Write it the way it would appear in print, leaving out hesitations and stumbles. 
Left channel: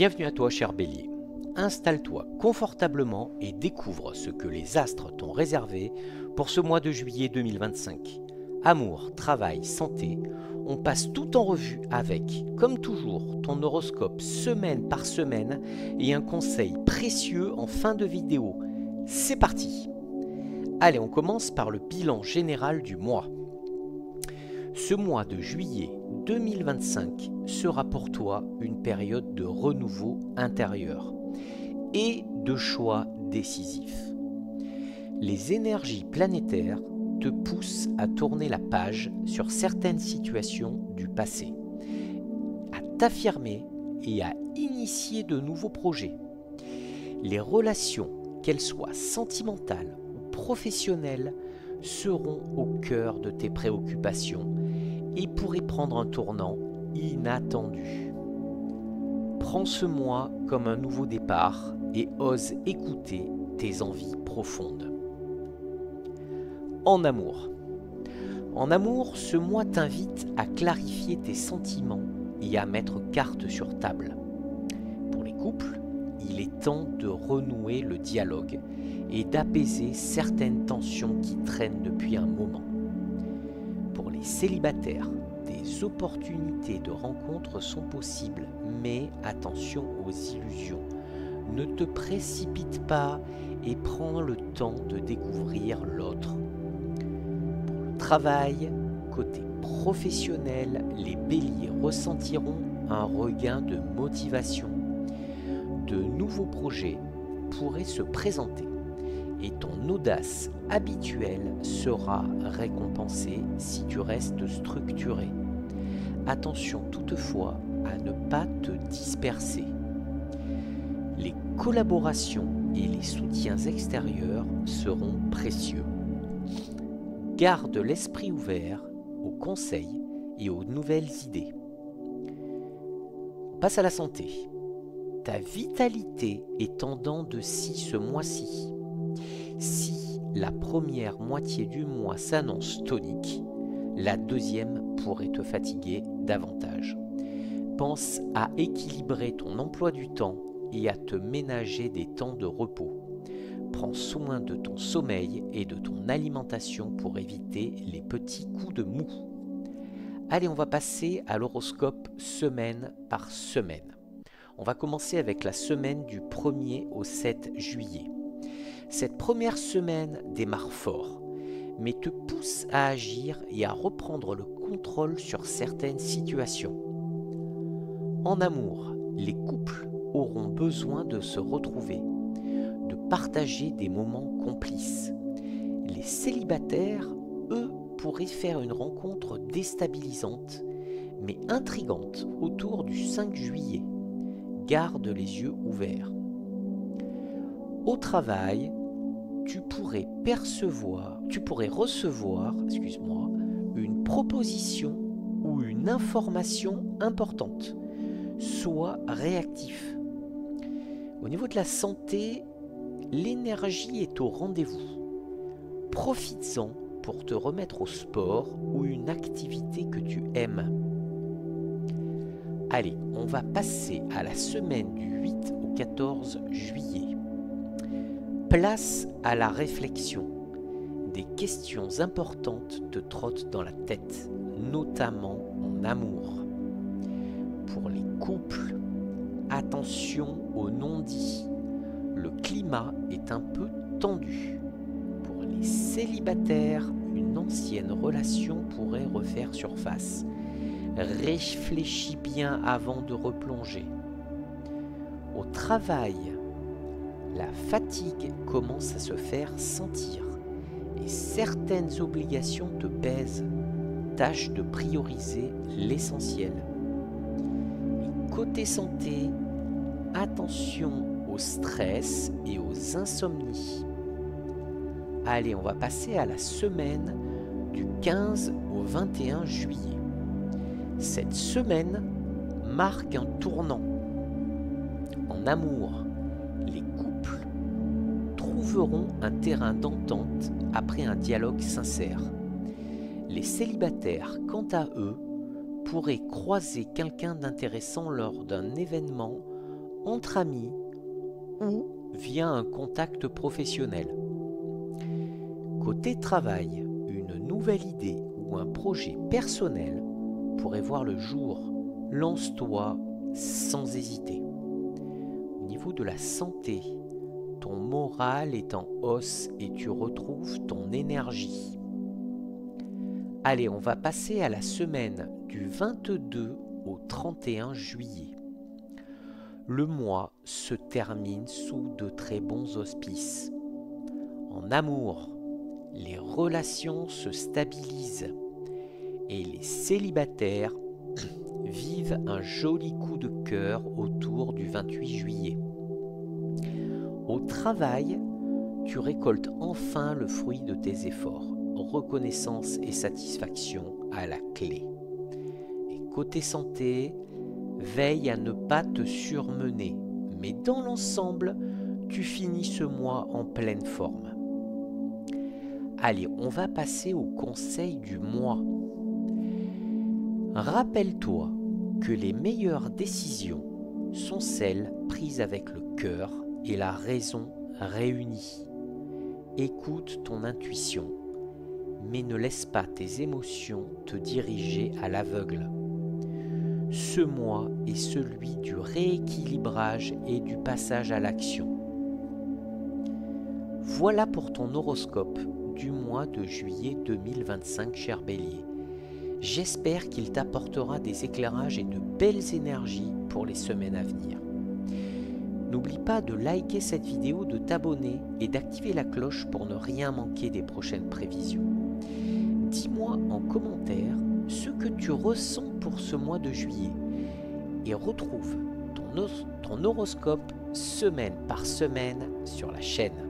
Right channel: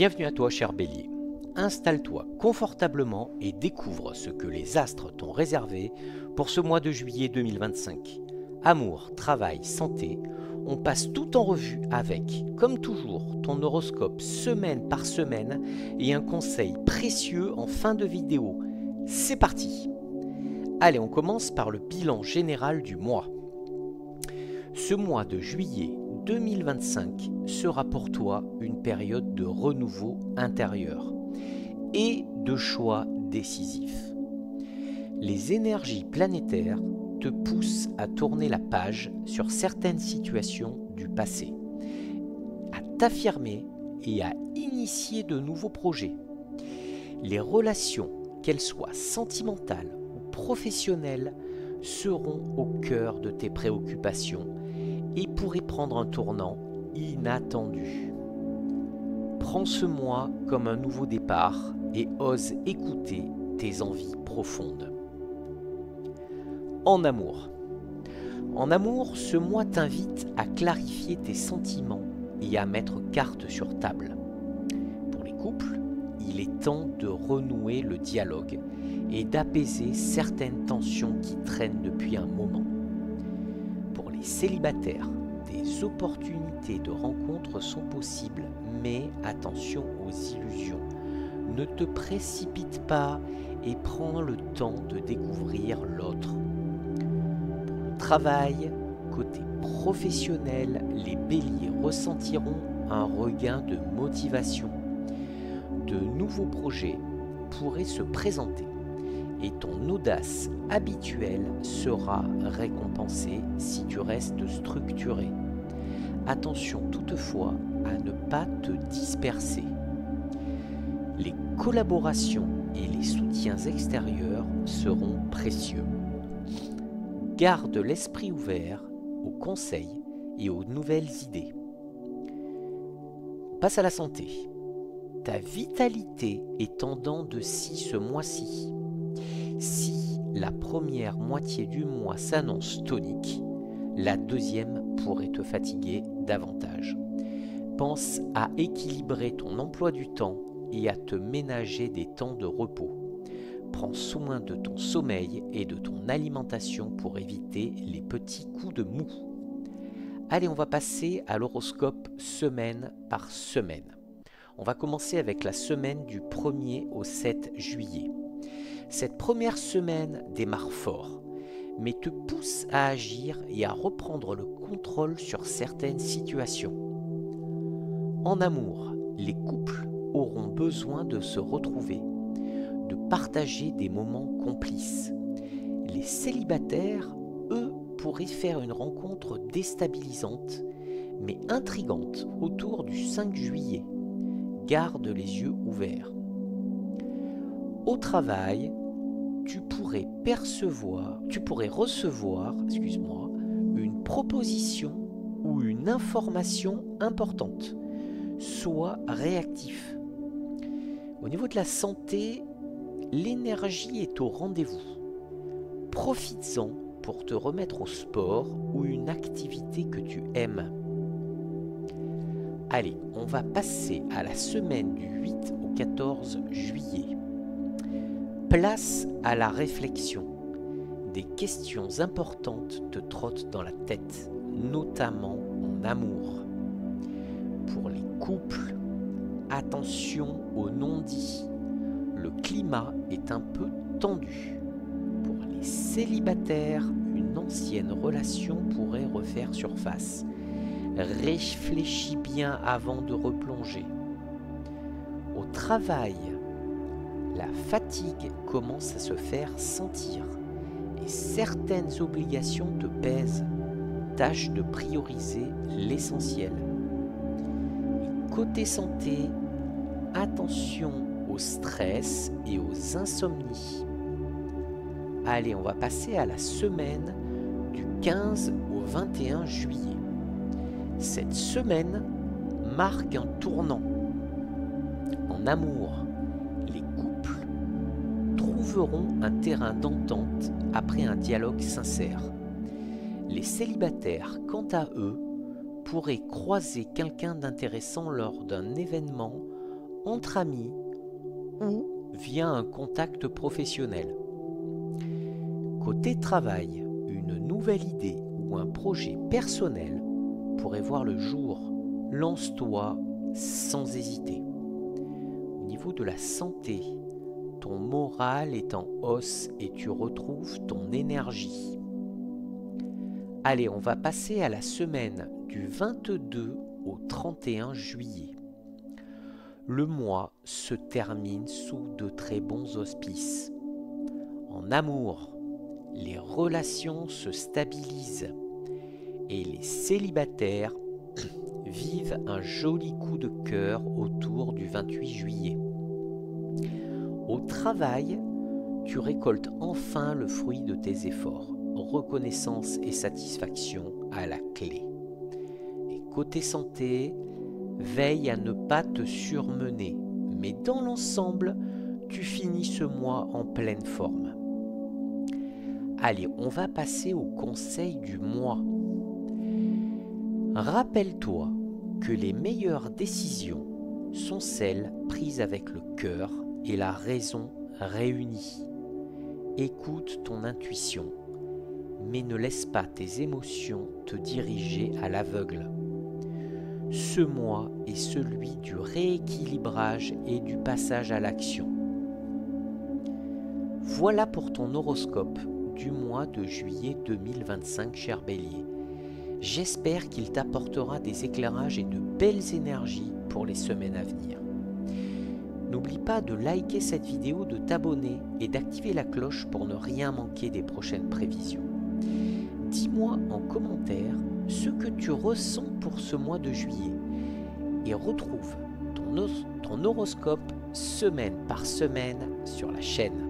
Bienvenue à toi, cher Bélier. Installe-toi confortablement et découvre ce que les astres t'ont réservé pour ce mois de juillet 2025. Amour, travail, santé, on passe tout en revue avec, comme toujours, ton horoscope semaine par semaine et un conseil précieux en fin de vidéo. C'est parti! Allez, on commence par le bilan général du mois. Ce mois de juillet 2025 sera pour toi une période de renouveau intérieur et de choix décisifs. Les énergies planétaires te poussent à tourner la page sur certaines situations du passé, à t'affirmer et à initier de nouveaux projets. Les relations, qu'elles soient sentimentales ou professionnelles, seront au cœur de tes préoccupations et pourraient prendre un tournant inattendu. Prends ce mois comme un nouveau départ et ose écouter tes envies profondes. En amour. En amour, ce mois t'invite à clarifier tes sentiments et à mettre carte sur table. Pour les couples, il est temps de renouer le dialogue et d'apaiser certaines tensions qui traînent depuis un moment. Pour les célibataires, des opportunités de rencontres sont possibles, mais attention aux illusions. Ne te précipite pas et prends le temps de découvrir l'autre. Pour le travail, côté professionnel, les béliers ressentiront un regain de motivation. De nouveaux projets pourraient se présenter et ton audace habituelle sera récompensée si tu restes structuré. Attention toutefois à ne pas te disperser. Les collaborations et les soutiens extérieurs seront précieux. Garde l'esprit ouvert aux conseils et aux nouvelles idées. On passe à la santé. Ta vitalité est en dents de scie ce mois-ci. Si la première moitié du mois s'annonce tonique, la deuxième pourrait te fatiguer davantage. Pense à équilibrer ton emploi du temps et à te ménager des temps de repos. Prends soin de ton sommeil et de ton alimentation pour éviter les petits coups de mou. Allez, on va passer à l'horoscope semaine par semaine. On va commencer avec la semaine du 1er au 7 juillet. Cette première semaine démarre fort, mais te pousse à agir et à reprendre le contrôle sur certaines situations. En amour, les couples auront besoin de se retrouver, de partager des moments complices. Les célibataires, eux, pourraient faire une rencontre déstabilisante, mais intrigante autour du 5 juillet. Garde les yeux ouverts. Au travail, tu pourrais recevoir une proposition ou une information importante. Sois réactif. Au niveau de la santé, l'énergie est au rendez-vous. Profites-en pour te remettre au sport ou une activité que tu aimes. Allez, on va passer à la semaine du 8 au 14 juillet. Place à la réflexion. Des questions importantes te trottent dans la tête, notamment en amour. Pour les couples, attention aux non-dits. Le climat est un peu tendu. Pour les célibataires, une ancienne relation pourrait refaire surface. Réfléchis bien avant de replonger. Au travail, la fatigue commence à se faire sentir et certaines obligations te pèsent. Tâche de prioriser l'essentiel. Et côté santé, attention au stress et aux insomnies. Allez, on va passer à la semaine du 15 au 21 juillet. Cette semaine marque un tournant. En amour, les couples trouveront un terrain d'entente après un dialogue sincère. Les célibataires, quant à eux, pourraient croiser quelqu'un d'intéressant lors d'un événement entre amis ou via un contact professionnel. Côté travail, une nouvelle idée ou un projet personnel pourrait voir le jour. Lance-toi sans hésiter. Au niveau de la santé, ton moral est en hausse et tu retrouves ton énergie. Allez, on va passer à la semaine du 22 au 31 juillet. Le mois se termine sous de très bons auspices. En amour, les relations se stabilisent et les célibataires vivent un joli coup de cœur autour du 28 juillet. Au travail, tu récoltes enfin le fruit de tes efforts. Reconnaissance et satisfaction à la clé. Et côté santé, veille à ne pas te surmener, mais dans l'ensemble, tu finis ce mois en pleine forme. Allez, on va passer au conseil du mois. Rappelle-toi que les meilleures décisions sont celles prises avec le cœur et la raison réunies. Écoute ton intuition, mais ne laisse pas tes émotions te diriger à l'aveugle. Ce mois est celui du rééquilibrage et du passage à l'action. Voilà pour ton horoscope du mois de juillet 2025, cher Bélier. J'espère qu'il t'apportera des éclairages et de belles énergies pour les semaines à venir. N'oublie pas de liker cette vidéo, de t'abonner et d'activer la cloche pour ne rien manquer des prochaines prévisions. Dis-moi en commentaire ce que tu ressens pour ce mois de juillet et retrouve ton horoscope semaine par semaine sur la chaîne.